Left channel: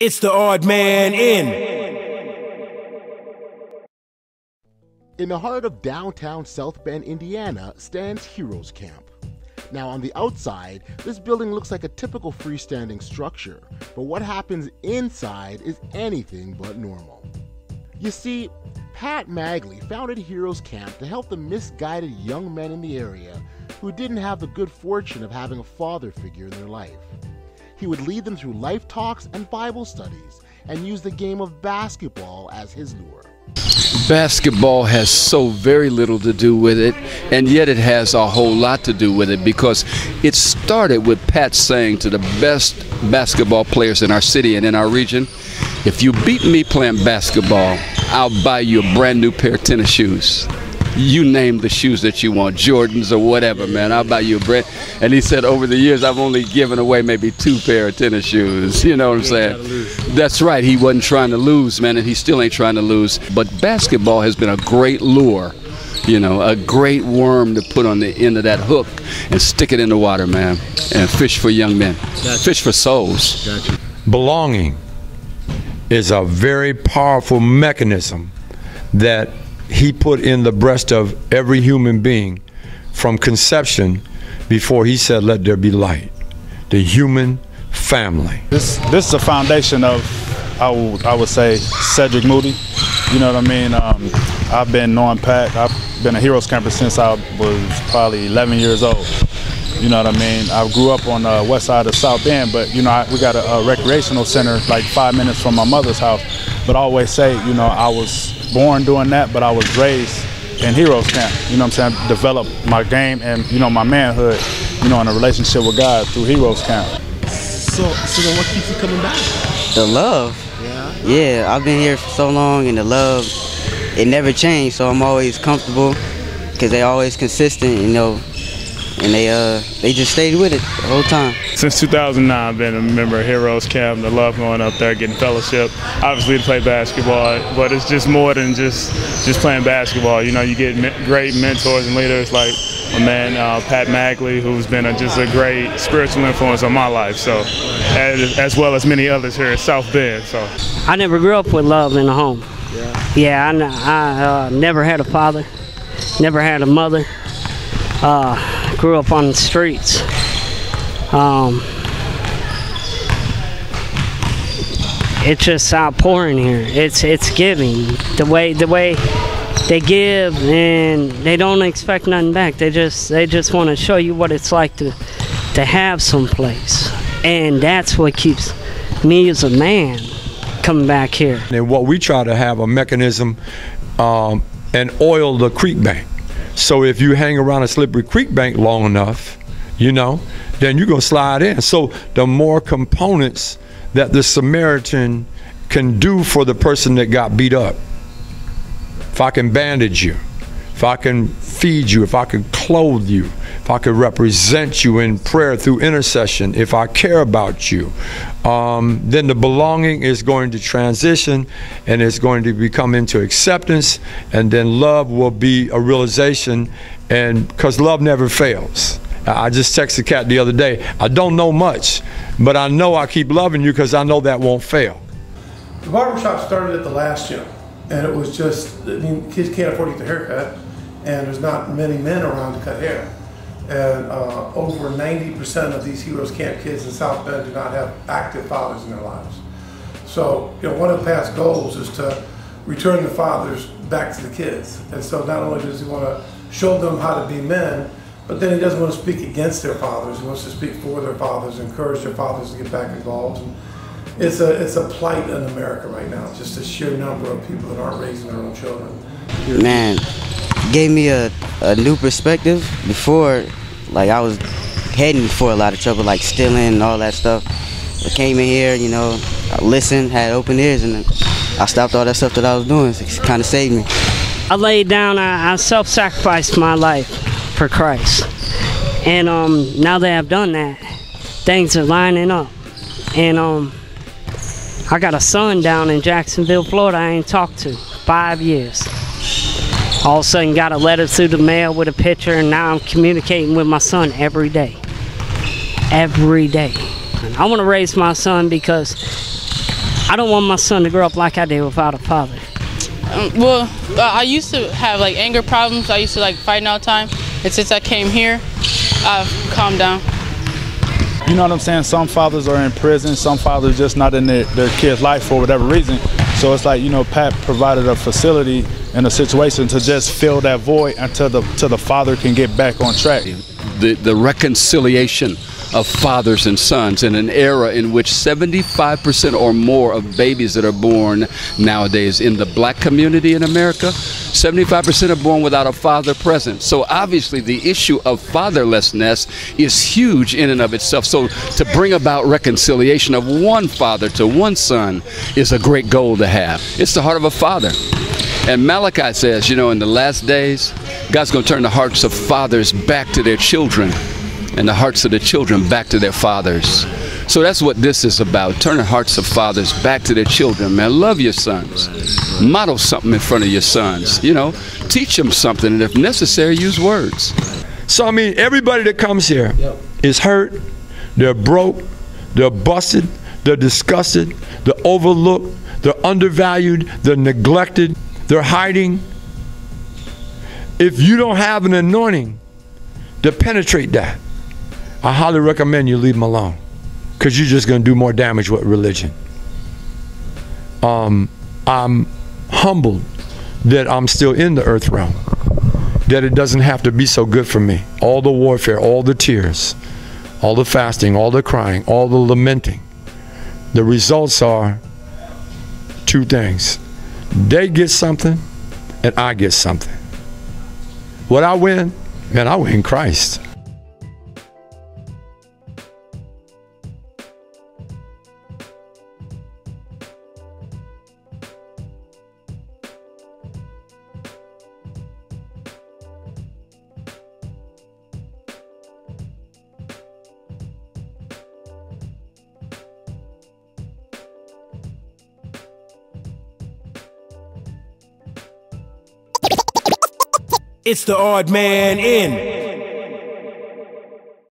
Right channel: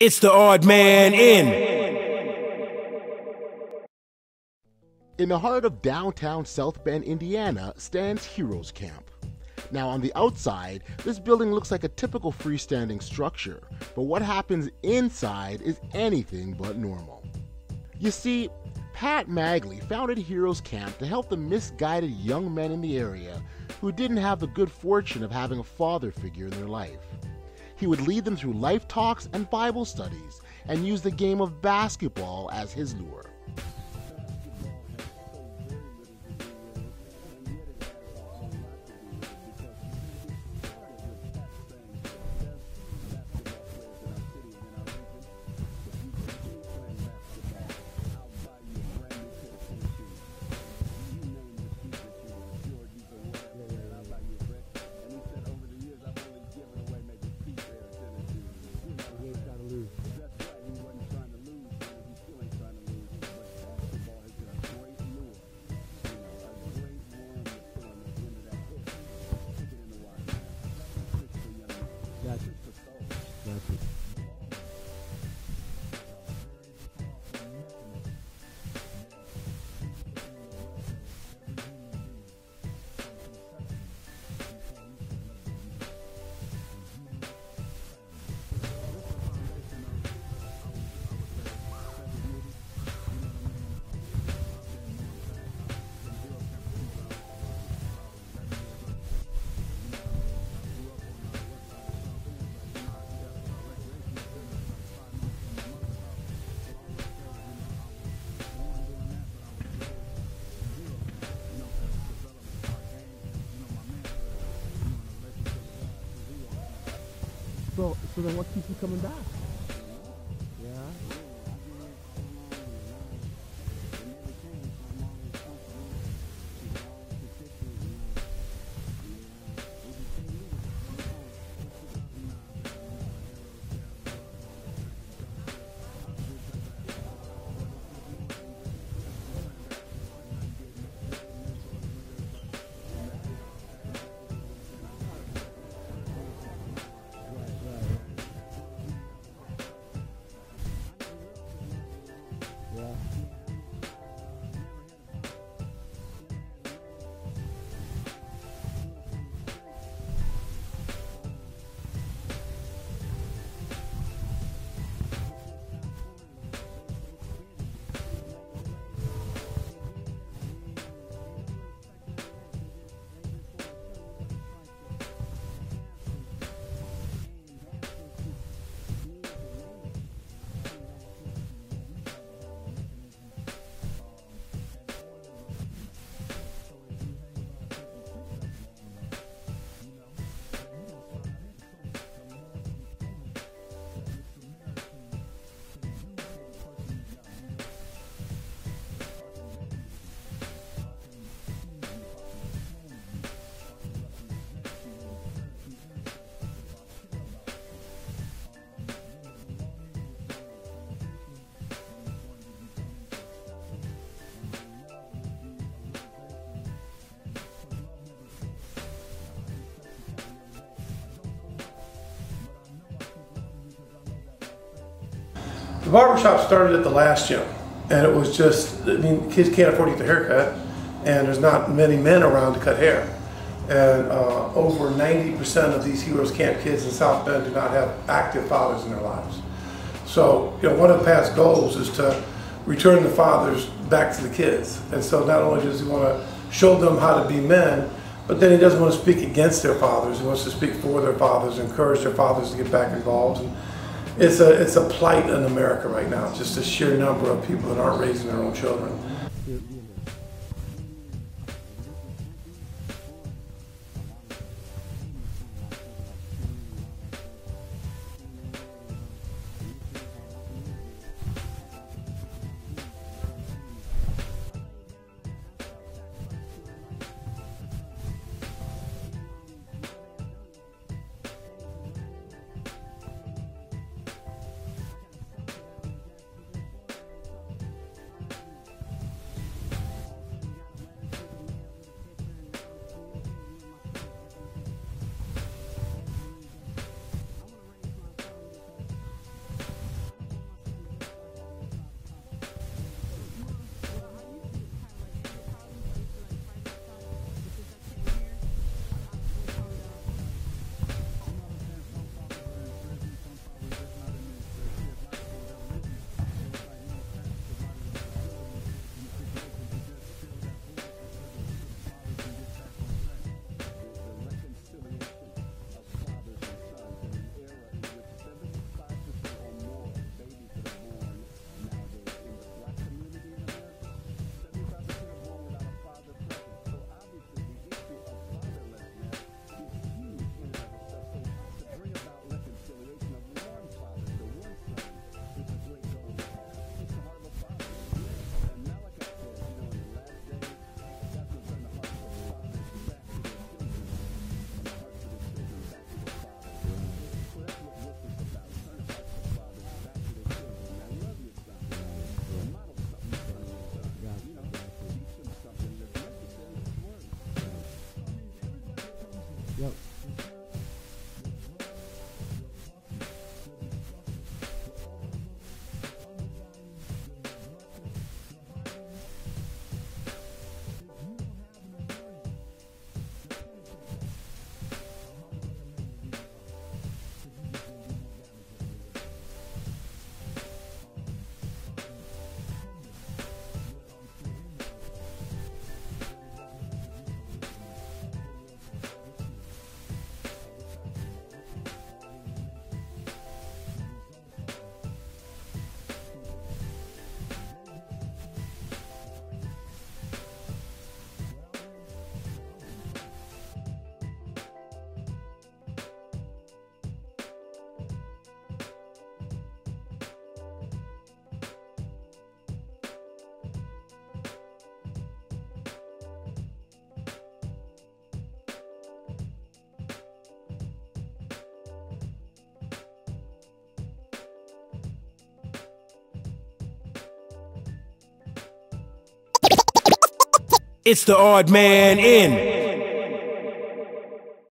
It's the odd man in. In the heart of downtown South Bend, Indiana, stands Heroes Camp. Now, on the outside, this building looks like a typical freestanding structure, but what happens inside is anything but normal. You see, Pat Magley founded Heroes Camp to help the misguided young men in the area who didn't have the good fortune of having a father figure in their life. He would lead them through life talks and Bible studies and use the game of basketball as his lure. Basketball has so very little to do with it, and yet it has a whole lot to do with it, because it started with Pat saying to the best basketball players in our city and in our region, if you beat me playing basketball, I'll buy you a brand new pair of tennis shoes. You name the shoes that you want, Jordans or whatever, man, I'll buy you a brand. And he said over the years, I've only given away maybe 2 pair of tennis shoes. You know what I'm saying? That's right. He wasn't trying to lose, man, and he still ain't trying to lose. But basketball has been a great lure, you know, a great worm to put on the end of that hook and stick it in the water, man, and fish for young men. Gotcha. Fish for souls. Gotcha. Belonging is a very powerful mechanism that he put in the breast of every human being from conception before he said, let there be light. The human family. This is a foundation of, I would say, Cedric Moody. You know what I mean? I've been knowing Pat. I've been a Heroes Camper since I was probably 11 years old. You know what I mean? I grew up on the west side of South Bend, but you know, we got a recreational center like 5 minutes from my mother's house. But I always say, you know, I was born doing that, but I was raised in Heroes Camp. You know what I'm saying? Developed my game and, you know, my manhood, you know, in a relationship with God through Heroes Camp. So then what keeps you coming back? The love. Yeah, I've been here for so long, and the love, it never changed, so I'm always comfortable because they always consistent, you know, and they just stayed with it the whole time. Since 2009, I've been a member of Heroes Camp. The love going up there, getting fellowship. Obviously to play basketball, but it's just more than just playing basketball. You know, you get great mentors and leaders like my man Pat Magley, who's been just a great spiritual influence on my life. So, as well as many others here in South Bend. So, I never grew up with love in the home. Yeah, I never had a father, never had a mother. Grew up on the streets. It's just outpouring here. It's giving. The way they give, and they don't expect nothing back. They just want to show you what it's like to have some place, and that's what keeps me as a man coming back here. And what we try to have a mechanism and oil the creek bank. So if you hang around a slippery creek bank long enough, you know, then you're gonna slide in. So the more components that the Samaritan can do for the person that got beat up, if I can bandage you, if I can feed you, if I can clothe you, if I can represent you in prayer through intercession, if I care about you, then the belonging is going to transition and it's going to become into acceptance, and then love will be a realization, and because love never fails. I just texted Kat the other day, I don't know much, but I know I keep loving you because I know that won't fail. The barbershop started at the last gym, and it was just, I mean, kids can't afford to get their hair cut, and there's not many men around to cut hair. And over 90% of these Heroes Camp kids in South Bend do not have active fathers in their lives. So, you know, one of Pat's goals is to return the fathers back to the kids. And so not only does he want to show them how to be men, but then he doesn't want to speak against their fathers. He wants to speak for their fathers, encourage their fathers to get back involved. And it's a plight in America right now, just the sheer number of people that aren't raising their own children. Man, gave me a new perspective. Before, like, I was heading for a lot of trouble, like stealing and all that stuff. I came in here, you know, I listened, had open ears, and I stopped all that stuff that I was doing. It kind of saved me. I laid down, I self-sacrificed my life for Christ. And now that I've done that, things are lining up. And I got a son down in Jacksonville, Florida I ain't talked to 5 years. All of a sudden got a letter through the mail with a picture, and now I'm communicating with my son every day. Every day. And I want to raise my son because I don't want my son to grow up like I did without a father. I used to have like anger problems. I used to like fighting all the time. And since I came here, I've calmed down. You know what I'm saying? Some fathers are in prison. Some fathers just not in their kid's life for whatever reason. So it's like, you know, Pat provided a facility and a situation to just fill that void until the father can get back on track. The reconciliation of fathers and sons in an era in which 75% or more of babies that are born nowadays in the black community in America, 75% are born without a father present. So obviously the issue of fatherlessness is huge in and of itself. So to bring about reconciliation of one father to one son is a great goal to have. It's the heart of a father. And Malachi says, you know, in the last days, God's going to turn the hearts of fathers back to their children, and the hearts of the children back to their fathers. So that's what this is about, turning hearts of fathers back to their children. Man, love your sons. Model something in front of your sons. You know, teach them something, and if necessary, use words. So, I mean, everybody that comes here is hurt, they're broke, they're busted, they're disgusted, they're overlooked, they're undervalued, they're neglected, they're hiding. If you don't have an anointing to penetrate that, I highly recommend you leave them alone, because you're just going to do more damage with religion. I'm humbled that I'm still in the earth realm, that it doesn't have to be so good for me. All the warfare, all the tears, all the fasting, all the crying, all the lamenting. The results are two things. They get something, and I get something. What I win? Man, I win Christ. It's the odd man in.